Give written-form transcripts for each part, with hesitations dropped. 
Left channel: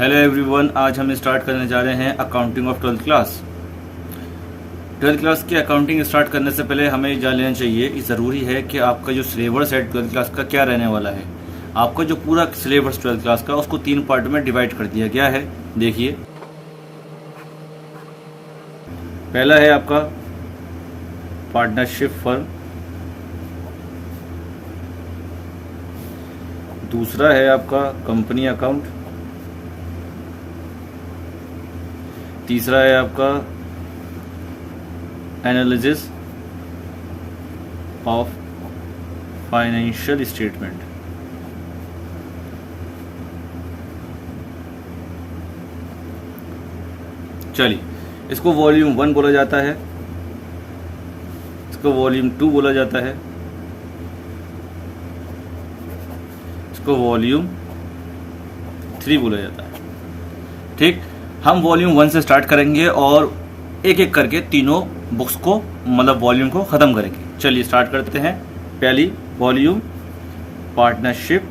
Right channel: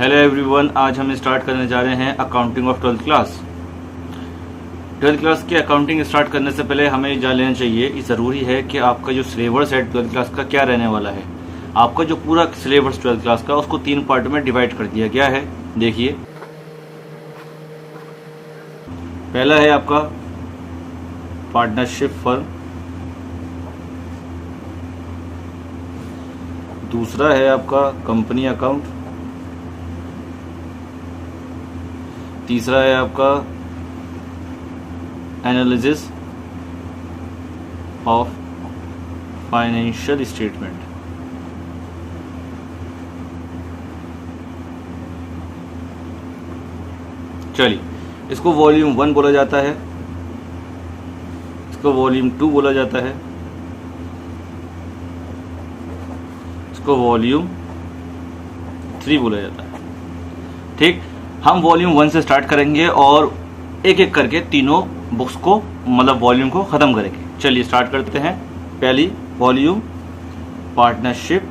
Hello everyone, आज हम start करने जा रहे हैं accounting of 12th class. 12th class की अकाउंटिंग स्टार्ट करने से पहले हमें जान लेना चाहिए, ये ज़रूरी है कि आपका जो सिलेबस है 12th क्लास का क्या रहने वाला है। आपका जो पूरा सिलेबस 12th क्लास का उसको 3 पार्ट में डिवाइड कर दिया गया है। देखिए, पहला है आपका पार्टनरशिप फर्म, दूसरा है आपका कंपनी अकाउंट, तीसरा है आपका एनालिसिस ऑफ फाइनेंशियल स्टेटमेंट। चलिए, इसको वॉल्यूम 1 बोला जाता है, इसको वॉल्यूम 2 बोला जाता है, इसको वॉल्यूम 3 बोला जाता है। ठीक, हम वॉल्यूम 1 से स्टार्ट करेंगे और एक एक करके तीनों बुक्स को मतलब वॉल्यूम को खत्म करेंगे। चलिए स्टार्ट करते हैं। पहली वॉल्यूम पार्टनरशिप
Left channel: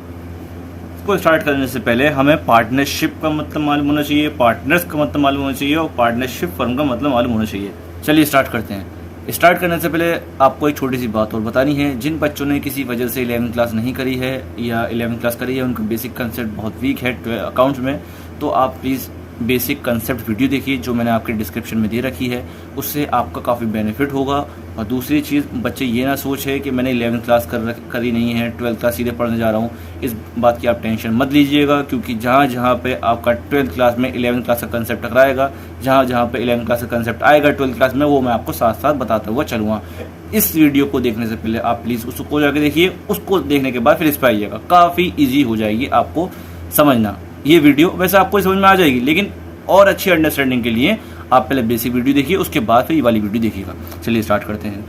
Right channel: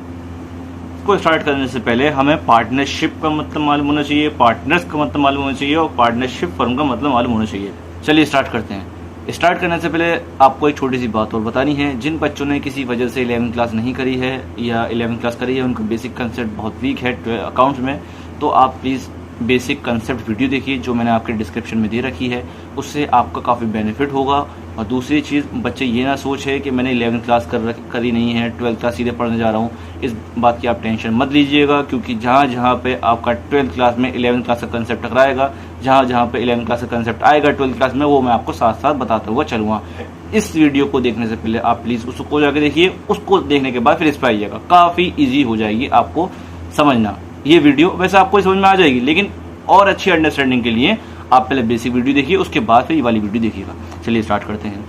को स्टार्ट करने से पहले हमें पार्टनरशिप का मतलब मालूम होना चाहिए, पार्टनर्स का मतलब मालूम होना चाहिए और पार्टनरशिप फर्म का मतलब मालूम होना चाहिए। चलिए स्टार्ट करते हैं। स्टार्ट करने से पहले आपको एक छोटी सी बात और बतानी है। जिन बच्चों ने किसी वजह से 11th क्लास नहीं करी है या 11th क्लास करी है, उनका बेसिक कंसेप्ट बहुत वीक है अकाउंट में, तो आप प्लीज़ बेसिक कंसेप्ट वीडियो देखिए जो मैंने आपके डिस्क्रिप्शन में दे रखी है, उससे आपका काफ़ी बेनिफिट होगा। और दूसरी चीज़, बच्चे ये ना सोचे कि मैंने 11th क्लास करी नहीं है, 12th क्लास सीधे पढ़ने जा रहा हूँ। इस बात की आप टेंशन मत लीजिएगा, क्योंकि जहाँ जहाँ पे आपका 12th क्लास में 11th क्लास का कंसेप्ट टकराएगा, जहाँ जहाँ पे 11th क्लास का कंसेप्ट आएगा 12th क्लास में, वो मैं आपको साथ साथ बताता हुआ चलूँगा। इस वीडियो को देखने से पहले आप प्लीज़ उसको जाके देखिए, उसको देखने के बाद फिर इस पर आइएगा। काफ़ी ईजी हो जाएगी आपको समझना ये वीडियो। वैसे आपको समझ में आ जाएगी, लेकिन और अच्छी अंडरस्टैंडिंग के लिए आप पहले बेसिक वीडियो देखिए, उसके बाद फिर ये वाली वीडियो देखिएगा। चलिए स्टार्ट करते हैं।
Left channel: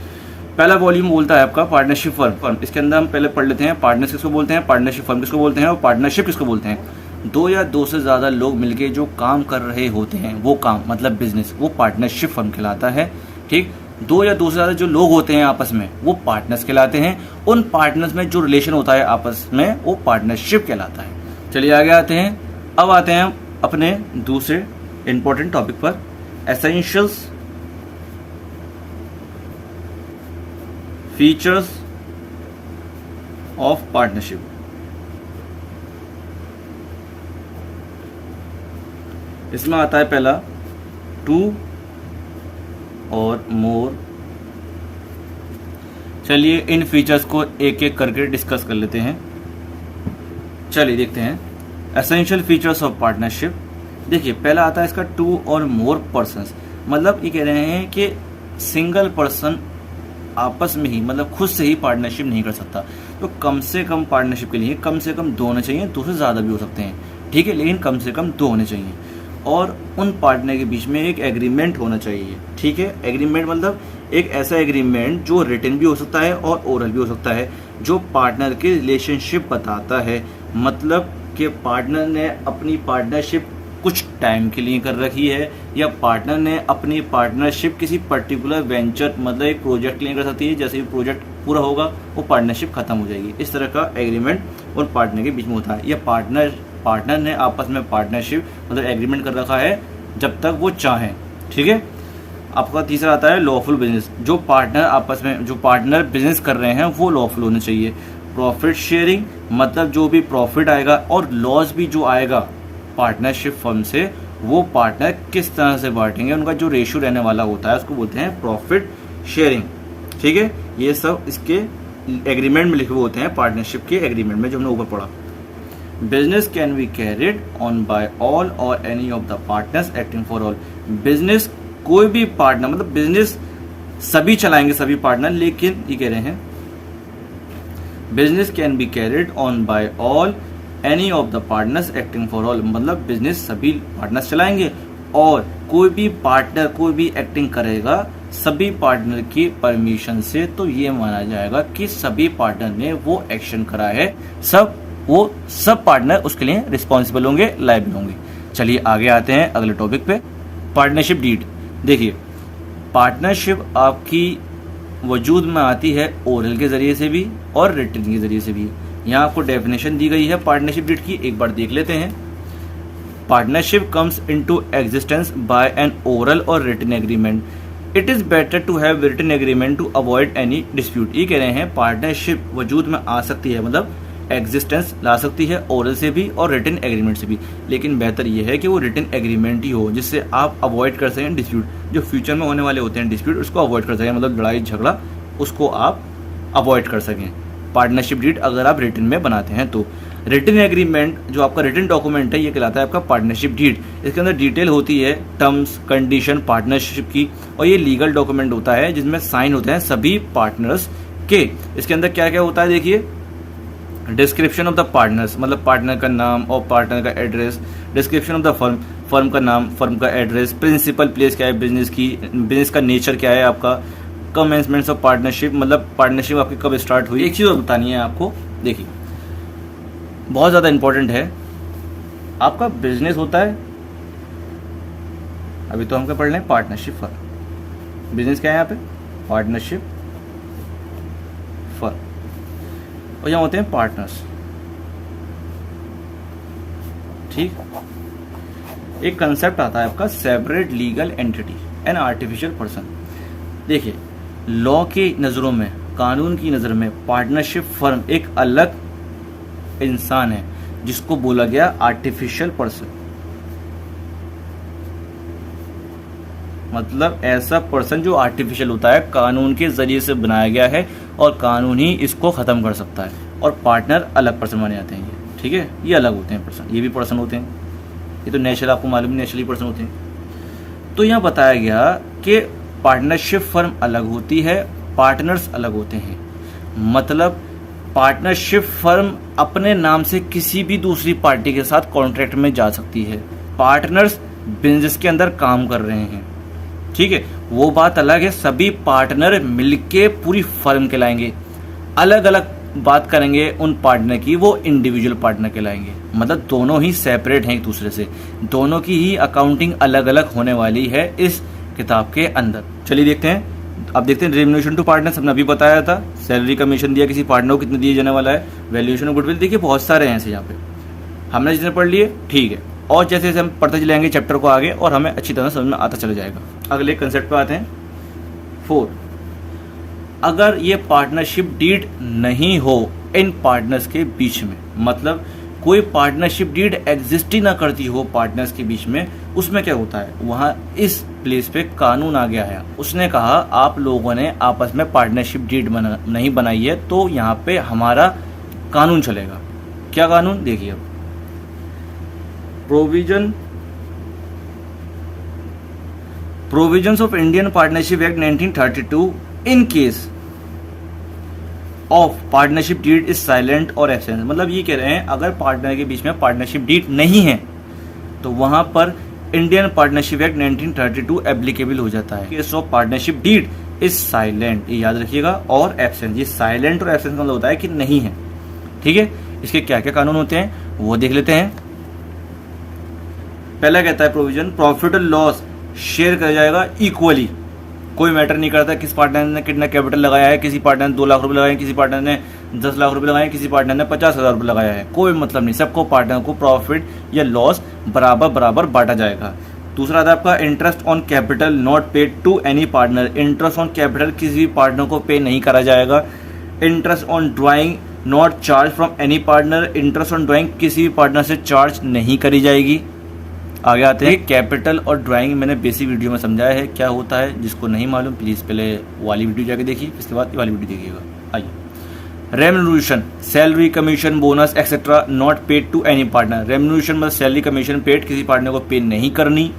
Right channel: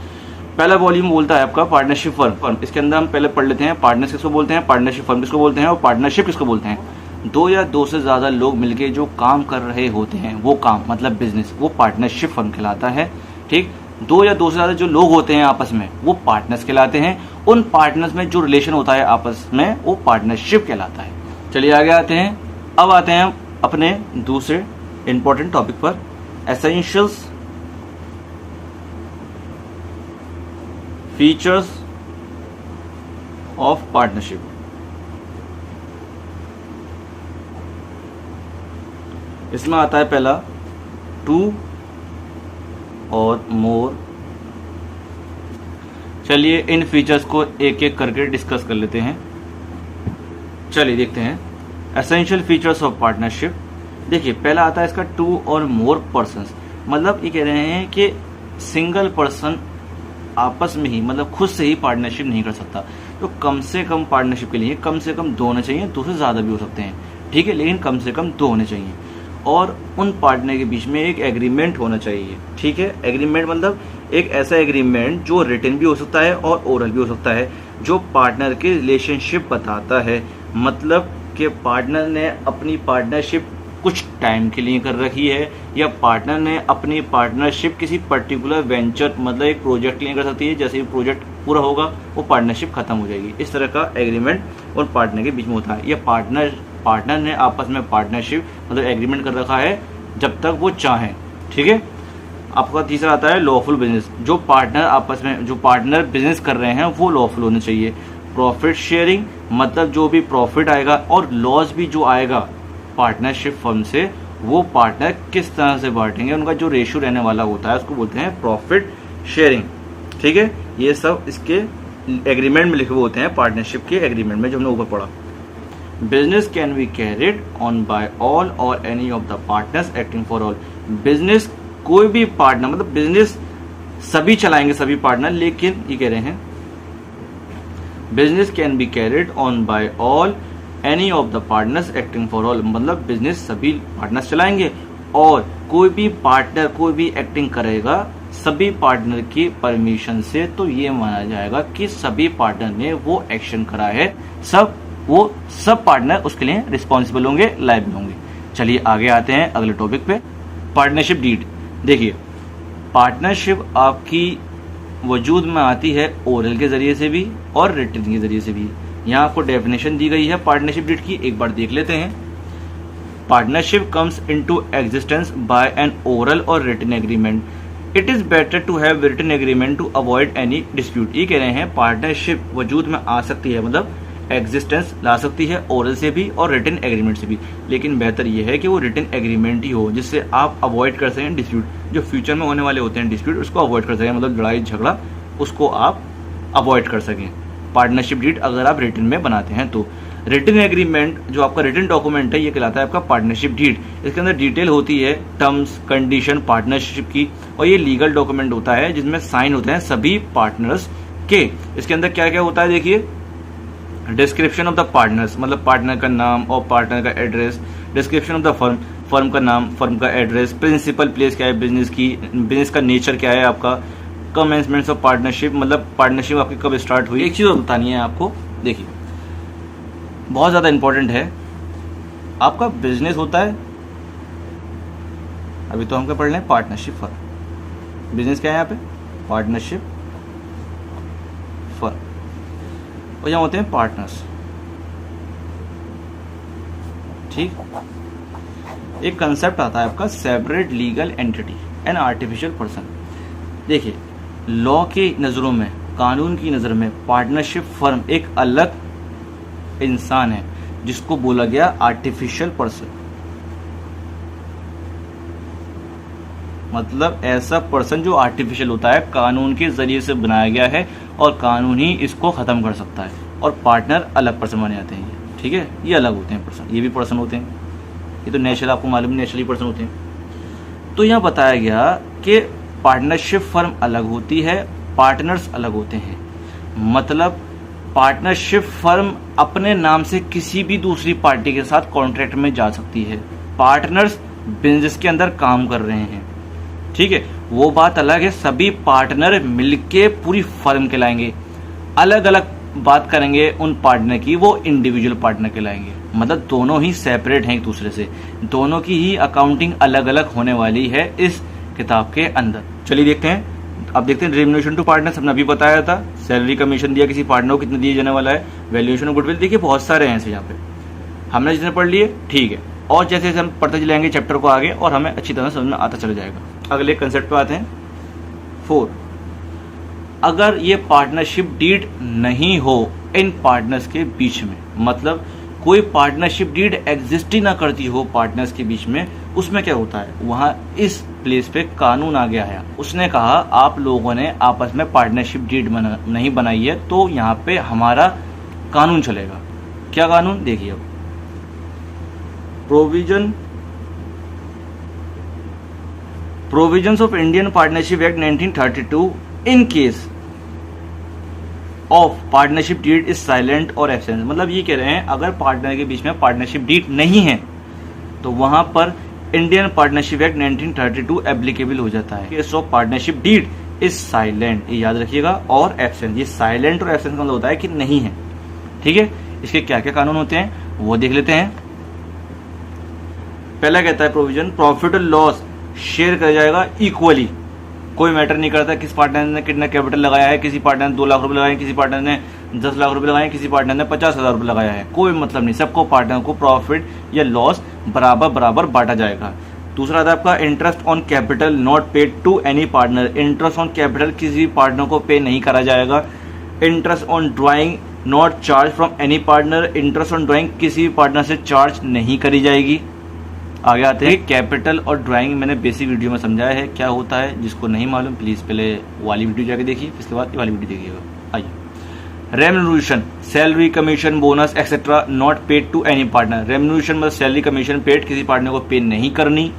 पहला वॉल्यूम बोलता है आपका पार्टनरशिप फर्म। इसके अंदर हम पहले पढ़ लेते हैं पार्टनर्स किसको बोलते हैं, पार्टनरशिप फर्म किसको बोलते हैं और पार्टनरशिप किसको बोलते हैं। 2 या 2 से ज्यादा लोग मिलकर जो काम कर रहे होते हैं, वो काम मतलब बिजनेस, वो पार्टनरशिप फर्म कहलाता है। ठीक, 2 या 2 से ज्यादा जो लोग होते हैं आपस में, वो पार्टनर्स कहलाते हैं। उन पार्टनर्स में जो रिलेशन होता है आपस में, वो पार्टनरशिप कहलाता है। चलिए आगे आते हैं। अब आते हैं अपने दूसरे इंपॉर्टेंट टॉपिक पर, एसेंशियल्स फीचर्स ऑफ पार्टनरशिप। इसमें आता है पहला 2 और मोर। चलिए इन फीचर्स को एक एक करके डिस्कस कर लेते हैं। चलिए देखते हैं एसेंशियल फीचर्स ऑफ पार्टनरशिप। देखिए, पहला आता है इसका 2 और मोर पर्सन्स। मतलब ये कह रहे हैं कि सिंगल पर्सन आपस में ही मतलब खुद से ही पार्टनरशिप नहीं कर सकता, तो कम से कम पार्टनरशिप के लिए कम से कम 2 होने चाहिए। 2 से ज्यादा भी हो सकते हैं, ठीक है, लेकिन कम से कम 2 होने चाहिए। और उन पार्टनर के बीच में एक एग्रीमेंट होना चाहिए। ठीक है, एग्रीमेंट मतलब एक ऐसा एग्रीमेंट जो रिटन भी हो सकता है और ओरल भी हो सकता है, जो पार्टनर के रिलेशनशिप बताता है। मतलब कि पार्टनर ने अपनी पार्टनरशिप कुछ टाइम के लिए कर रखी है, या पार्टनर ने अपनी पार्टनरशिप किसी पर्टिकुलर वेंचर मतलब एक प्रोजेक्ट के लिए कर सकती है। जैसे ही प्रोजेक्ट पूरा होगा वो पार्टनरशिप खत्म हो जाएगी। इस तरह का एग्रीमेंट और पार्टनर के बीच में होता है। या पार्टनर ने आपस में पार्टनरशिप मतलब एग्रीमेंट कर रखा है जब तक वो चाहें। ठीक है, आपका तीसरा आता है लॉफुल बिजनेस। जो पार्टनर आपस में जो पार्टनर बिजनेस कर रहे हैं वो लॉफुल होने चाहिए। प्रॉफिट शेयरिंग मतलब जो भी प्रॉफिट आएगा और लॉस भी जो आएगा पार्टनरशिप फर्म से, वो पार्टनर किस तरह से बांटेंगे, उनका जो रेशियो रहने वाला होता है उसको बोलते हैं प्रॉफिट शेयरिंग। ठीक है, ये सब इसके एग्रीमेंट में लिखे हुए होते हैं, पार्टनरशिप के एग्रीमेंट में जो हमने ऊपर पढ़ा। Business can be carried on by all or any of the partners acting for all. Business कोई भी पार्टनर मतलब बिजनेस सभी चलाएंगे, सभी पार्टनर, लेकिन ये कह रहे हैं business can be carried on by all any of the partners acting for all. मतलब बिजनेस सभी पार्टनर्स चलाएंगे और कोई भी पार्टनर कोई भी एक्टिंग करेगा सभी पार्टनर की परमिशन से, तो ये माना जाएगा कि सभी पार्टनर ने वो एक्शन करा है, सब पार्टनर उसके लिए रिस्पॉन्सिबल होंगे, लायबल होंगे। चलिए आगे आते हैं अगले टॉपिक पे, पार्टनरशिप डीड। देखिए, पार्टनरशिप आपकी वजूद में आती है ओरल के जरिए से भी और रिटन के जरिए से भी। यहाँ आपको डेफिनेशन दी गई है पार्टनरशिप डीड की, एक बार देख लेते हैं। Partnership comes into existence by an oral or written agreement, it is better to have written agreement to avoid any dispute. ये कह रहे हैं पार्टनरशिप वजूद में आ सकती है, मतलब एग्जिस्टेंस ला सकती है ओरल से भी और रिटन एग्रीमेंट से भी, लेकिन बेहतर यह है कि वो रिटन एग्रीमेंट ही हो जिससे आप अवॉइड कर सकें डिस्प्यूट, जो फ्यूचर में होने वाले होते हैं डिस्प्यूट उसको अवॉइड कर सकें, मतलब लड़ाई झगड़ा उसको आप अवॉइड कर सकें पार्टनरशिप डीड अगर आप रिटन में बनाते हैं तो। रिटन एग्रीमेंट जो आपका रिटन डॉक्यूमेंट है ये कहलाता है आपका पार्टनरशिप डीड। इसके अंदर डिटेल होती है टर्म्स कंडीशन पार्टनरशिप की, और ये लीगल डॉक्यूमेंट होता है जिसमें साइन होते हैं सभी पार्टनर्स के। इसके अंदर क्या क्या होता है देखिए, डिस्क्रिप्शन ऑफ द पार्टनर्स, मतलब पार्टनर का नाम और पार्टनर का address, description of the firm, firm का नाम, फर्म का एड्रेस, प्रिंसिपल प्लेस क्या है बिजनेस की, बिजनेस का नेचर क्या है आपका, कमेंसमेंट्स ऑफ पार्टनरशिप, मतलब पार्टनरशिप आपकी कब स्टार्ट हुई। एक चीज बतानी है आपको, देखिए बहुत ज्यादा इंपॉर्टेंट है, आपका बिजनेस होता है, अभी तो हम क्या पढ़ रहे हैं पार्टनरशिप फर्म, बिजनेस क्या है यहाँ पे पार्टनरशिप फर्म, और यहाँ होते हैं पार्टनर्स, ठीक। एक कंसेप्ट आता है आपका separate legal entity and artificial person. देखिए लॉ की नजरों में, कानून की नजर में पार्टनरशिप फर्म एक अलग इंसान है जिसको बोला गया आर्टिफिशियल पर्सन, मतलब ऐसा पर्सन जो आर्टिफिशियल होता है, कानून के जरिए से बनाया गया है और कानून ही इसको खत्म कर सकता है। और पार्टनर अलग पर्सन माने जाते हैं, ठीक है, ये अलग होते हैं पर्सन, ये भी पर्सन होते हैं, ये तो नेचुरल आपको मालूम, नेचुरली पर्सन होते हैं। तो यहाँ बताया गया कि पार्टनरशिप फर्म अलग होती है, पार्टनर्स अलग होते हैं, मतलब पार्टनरशिप फर्म अपने नाम से किसी भी दूसरी पार्टी के साथ कॉन्ट्रैक्ट में जा सकती है। पार्टनर्स बिजनेस के अंदर काम कर रहे हैं, ठीक है, वो बात अलग है, सभी पार्टनर मिलके पूरी फर्म कहलाएंगे। अलग अलग बात करेंगे उन पार्टनर की, वो इंडिविजुअल पार्टनर कहलाएंगे, मतलब दोनों ही सेपरेट हैं एक दूसरे से, दोनों की ही अकाउंटिंग अलग अलग होने वाली है इस किताब के अंदर। चलिए देखते हैं, अब देखते हैं रेम्युनरेशन टू पार्टनर्स हमने अभी बताया था, सैलरी कमीशन दिया किसी पार्टनर को कितना दिया जाने वाला है, वैल्यूएशन ऑफ गुडविल, देखिए बहुत सारे हैं ऐसे यहाँ पे, हमने जितने पढ़ लिए ठीक है, और जैसे जैसे हम पढ़ते चलेंगे चैप्टर को आगे और हमें अच्छी तरह समझ में आता चला जाएगा। अगले कंसेप्ट पे आते हैं 4, अगर ये पार्टनरशिप डीड नहीं हो इन पार्टनर्स के बीच में, मतलब कोई पार्टनरशिप डीड एग्जिस्ट ही ना करती हो पार्टनर्स के बीच में, उसमें क्या होता है, वहां इस प्लेस पे कानून आ गया है, उसने कहा आप लोगों ने आपस में पार्टनरशिप डीड नहीं बनाई है तो यहाँ पे हमारा कानून चलेगा। क्या कानून देखिए, अब provisions of Indian partnership act 1932 in case of partnership deed is silent और एब्सेंट, मतलब ये कह रहे हैं अगर पार्टनर के बीच में पार्टनरशिप डीड नहीं है तो वहां पर इंडियन पार्टनरशिप एक्ट 1932 एप्लीकेबल हो जाता है। Case of partnership deed is silent, ये याद रखिएगा, और एब्सेंट, ये साइलेंट और एब्सेंट का मतलब होता है कि नहीं है, ठीक है। इसके क्या क्या कानून होते हैं वो देख लेते हैं। पहला कहता है प्रोविजन, प्रॉफिट और लॉस शेयर किया जाएगा इक्वली, कोई मैटर नहीं करता किस पार्टनर ने कितना कैपिटल लगाया है, किसी पार्टनर ने 2 लाख रुपए लगाए, किसी पार्टनर ने 10 लाख रुपए लगाए, किसी पार्टनर ने 50,000 रुपए लगाया है, कोई मतलब नहीं, सबको पार्टनर को प्रॉफिट या लॉस बराबर बराबर बांटा जाएगा। दूसरा आता है आपका interest on capital not paid to any partner, interest on capital किसी भी पार्टनर को पे नहीं करा जाएगा। Interest on drawing not charged from any partner, interest on drawing किसी भी पार्टनर से चार्ज नहीं करी जाएगी। आगे आते हैं कैपिटल और ड्राइंग, मैंने बेसिक वीडियो में समझाया है क्या होता है, जिसको नहीं मालूम प्लीज पहले वाली वीडियो जाके देखिए, इसके बाद ये वाली वीडियो देखिएगा। आइए, remuneration, salary commission bonus etcetera not paid to any partner, remuneration मतलब सैलरी कमीशन पेड किसी पार्टनर को पे नहीं करनी।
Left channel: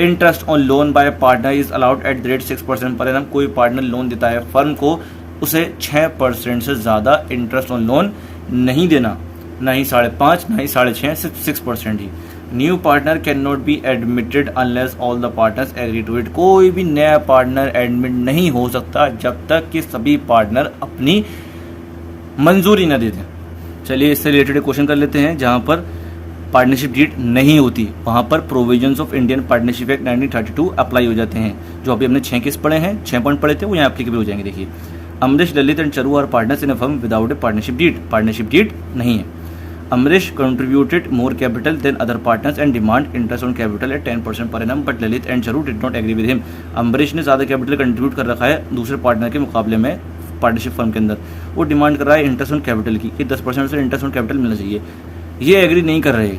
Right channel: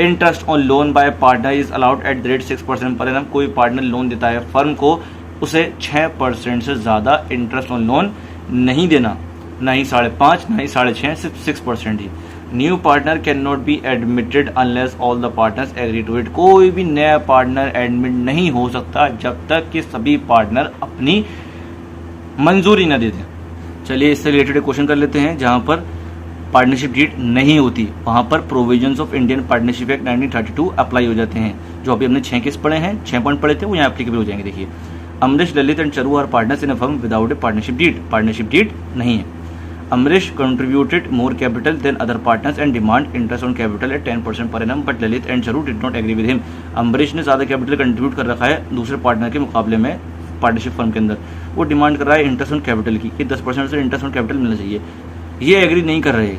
Interest on loan by partner is allowed at the rate 6% per annum, कोई पार्टनर लोन देता है फर्म को उसे 6% से ज्यादा इंटरेस्ट ऑन लोन नहीं देना, ना ही 5.5 ना ही 6.5, सिर्फ 6% ही। New partner can not be admitted unless all the partners agree to it, कोई भी नया पार्टनर एडमिट नहीं हो सकता जब तक कि सभी पार्टनर अपनी मंजूरी न दे दें। चलिए इससे रिलेटेड क्वेश्चन कर लेते हैं, जहां पर पार्टनरशिप डीड नहीं होती वहां पर provisions of Indian partnership act 1932 apply हो जाते हैं। जो अभी हमने 6 केस पढ़े हैं, 6 पॉइंट पढ़े थे, वो यहाँ एप्लीकेबल हो जाएंगे। देखिए, Amrish, Lalit and Charu are partners in a firm without a partnership deed, partnership deed नहीं है। Amrish contributed more capital than other partners and demand interest on capital at 10% per annum, but Lalit and Charu did not agree with him. Ambarish ने ज़्यादा capital contribute कर रखा है दूसरे partner के मुकाबले में पार्टनरशिप फर्म के अंदर, वो डिमांड कर रहा है इंटरेस्ट ऑन कैपिटल की कि 10% से इंटरेस्ट ऑन कैपिटल मिलना चाहिए। ये एग्री नहीं कर रहे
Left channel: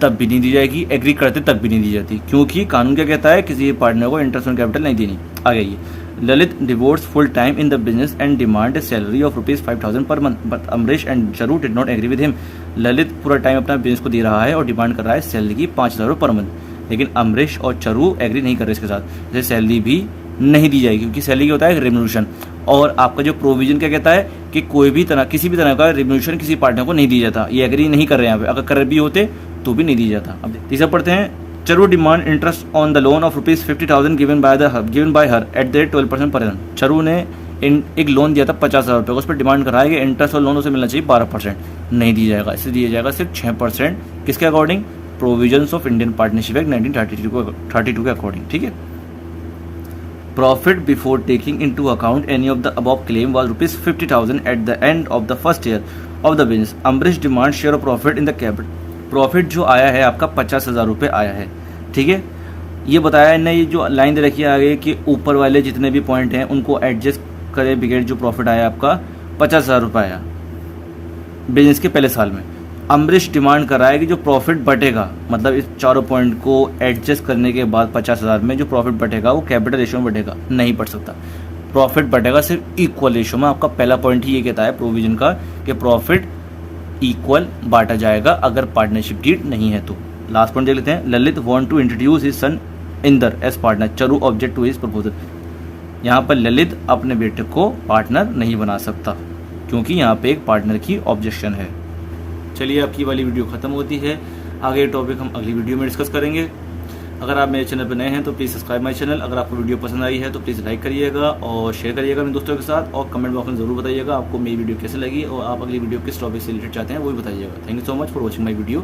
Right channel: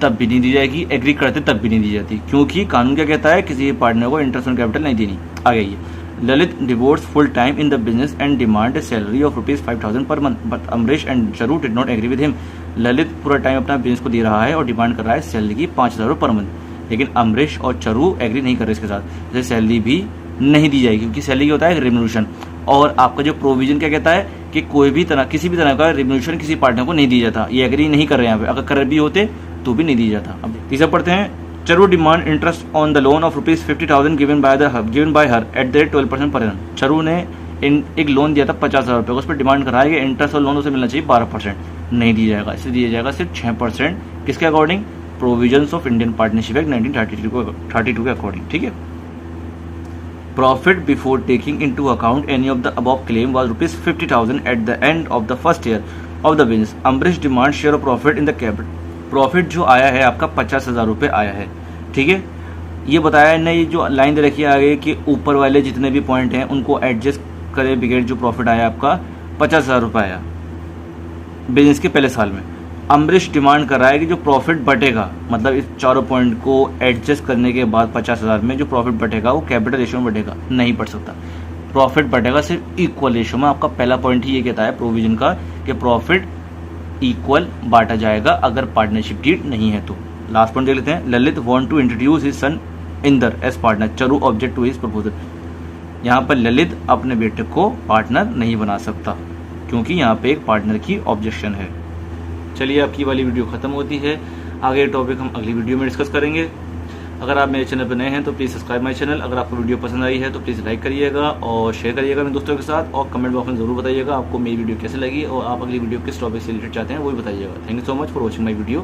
तब भी नहीं दी जाएगी, एग्री करते तब भी नहीं दी जाती, क्योंकि कानून क्या कहता है, किसी पार्टनर को इंटरेस्ट ऑन कैपिटल नहीं देनी। आगे ये Lalit divorced full time in the business and demand a salary of ₹5,000 per month, but Amrish and Charu did not agree with him. Lalit पूरा टाइम अपना बिजनेस को दे रहा है और डिमांड कर रहा है सैलरी की 5,000 पर मंथ, लेकिन अमरीश और चरू एग्री नहीं कर रहे इसके साथ, जैसे सैलरी भी नहीं दी जाएगी, क्योंकि सैलरी होता है रेम्यूनरेशन, और आपका जो प्रोविजन क्या कहता है कि कोई भी तरह किसी भी तरह का रेम्यूनरेशन किसी पार्टनर को नहीं दिया जाता। ये एग्री नहीं कर रहे हैं यहाँ पे, अगर कर भी होते तो भी नहीं दी जाता। अब तीसरा पढ़ते हैं, Charu demand interest on the loan of ₹50,000 given by her at the rate 12% per annum. चरू ने एक लोन दिया था 50,000 रुपये, उस पर डिमांड करा है कि इंटरेस्ट और लोन उसे मिलना चाहिए 12%, नहीं दी जाएगा, इसे दिया जाएगा सिर्फ 6%, किसके according, provisions of Indian partnership act 1932 के अकॉर्डिंग। ठीक है। Profit before taking into account any of the above claim was ₹50,000 at the end of the first year of the business. Ambarish demand share of profit in the capital. Profit जो आया है आपका 50,000 रुपये आया है। ठीक है, ये बताया है ना, ये जो लाइन दे रखी है आगे कि ऊपर वाले जितने भी पॉइंट हैं उनको एडजस्ट करें बिगड़, जो प्रॉफिट आया आपका 50,000 रुपये आया बिजनेस के पहले साल में। अम्बरीश डिमांड कर रहा है कि जो प्रॉफिट बटेगा, मतलब इस चारों पॉइंट को एडजस्ट करने के बाद 50,000 में जो प्रॉफिट बटेगा वो कैपिटल रेशियो में बटेगा, नहीं बढ़ सकता। प्रॉफिट बटेगा सिर्फ इक्वल रेशियो में। आपका पहला पॉइंट ही ये कहता है प्रोविजन का कि प्रॉफिट इक्वल बांटा जाएगा अगर पार्टनरशिप डीड नहीं है तो। लास्ट पॉइंट देख लेते हैं, Lalit want to introduce his son Inder as partner, Charu object to his proposal. यहाँ पर ललित अपने बेटे को पार्टनर नहीं बना सकता, क्योंकि यहाँ पे एक पार्टनर की ऑब्जेक्शन है। चलिए, आपकी वाली वीडियो खत्म होती है, आगे टॉपिक हम अगली वीडियो में डिस्कस करेंगे। अगर आप मेरे चैनल पर नए हैं तो प्लीज़ सब्सक्राइब माई चैनल। अगर आपको वीडियो पसंद आई है तो प्लीज़ लाइक करिएगा और शेयर करिएगा अपने दोस्तों के साथ, और कमेंट बॉक्स में जरूर बताइएगा आपको मेरी वीडियो कैसे लगी और आप अगली वीडियो किस टॉपिक से रिलेटेड चाहते हैं वो भी बताइएगा। Thank you so much for watching my video.